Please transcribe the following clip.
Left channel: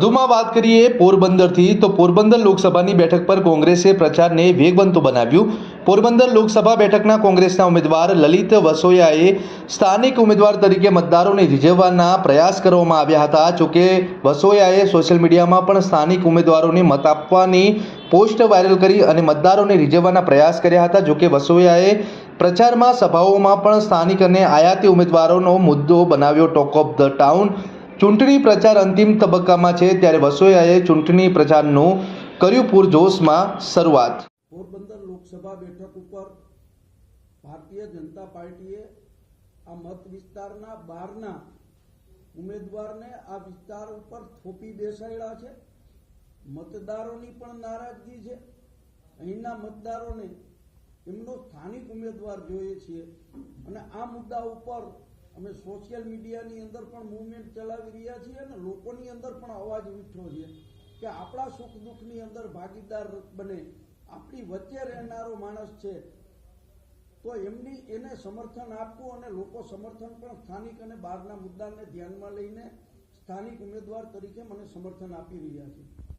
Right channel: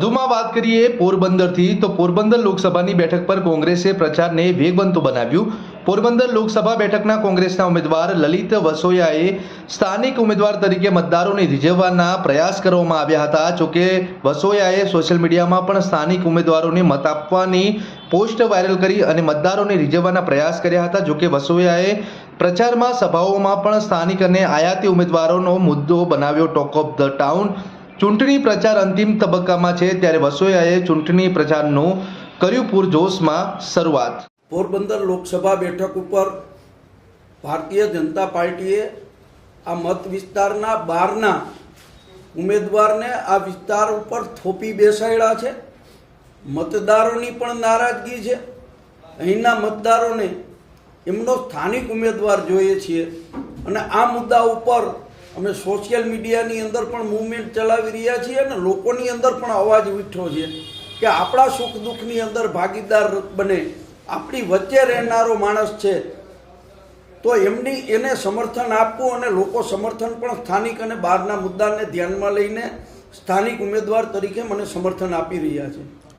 વધુમાં વાત કરીએ પોરબંદરથી તો પોરબંદર લોકસભાની બેઠક પર કોંગ્રેસે પ્રચારને વેગવંતો બનાવ્યું। પોરબંદર લોકસભા બેઠકના કોંગ્રેસના ઉમેદવાર લલિત વસોયાએ સ્થાનિક ઉમેદવાર તરીકે મતદારોને રીઝવવાના પ્રયાસ કરવામાં આવ્યા હતા। જોકે વસોયાએ સોશિયલ મીડિયામાં પણ સ્થાનિક ઉમેદવારોને મત આપવાની પોસ્ટ વાયરલ કરી અને મતદારોને રીઝવવાના પ્રયાસ કર્યા હતા। જોકે વસોયાએ પ્રચારમાં સભાઓમાં પણ સ્થાનિક અને આયાતી ઉમેદવારોનો મુદ્દો બનાવ્યો ટોક ઓફ ધ ટાઉન। ચૂંટણી પ્રચાર અંતિમ તબક્કામાં છે ત્યારે વસોયાએ ચૂંટણી પ્રચારનું કર્યું પૂરજોશમાં શરૂઆત। પોરબંદર લોકસભા બેઠક ઉપર ભારતીય જનતા પાર્ટીએ આ મત વિસ્તારના બહારના ઉમેદવારને આ વિસ્તાર ઉપર થોપી બેસાડ્યા છે। મતદારોની પણ નારાજગી છે। અહીંના મતદારોને એમનો સ્થાનિક ઉમેદવાર જોઈએ છીએ અને આ મુદ્દા ઉપર અમે સોશિયલ મીડિયાની અંદર પણ મૂવમેન્ટ ચલાવી રહ્યા છીએ અને લોકોની અંદર પણ અવાજ ઉઠ્યો છે કે આપણા સુખ દુઃખની અંદર ભાગીદાર બને, આપણી વચ્ચે રહેનારો માણસ છે તો એને સમર્થન આપવું અને લોકો સમર્થન પણ સ્થાનિક અને બહારના મુદ્દાને ધ્યાનમાં લઈને સ્થાનિક ઉમેદવાર તરીકે મને સમર્થન આપી રહ્યા છે।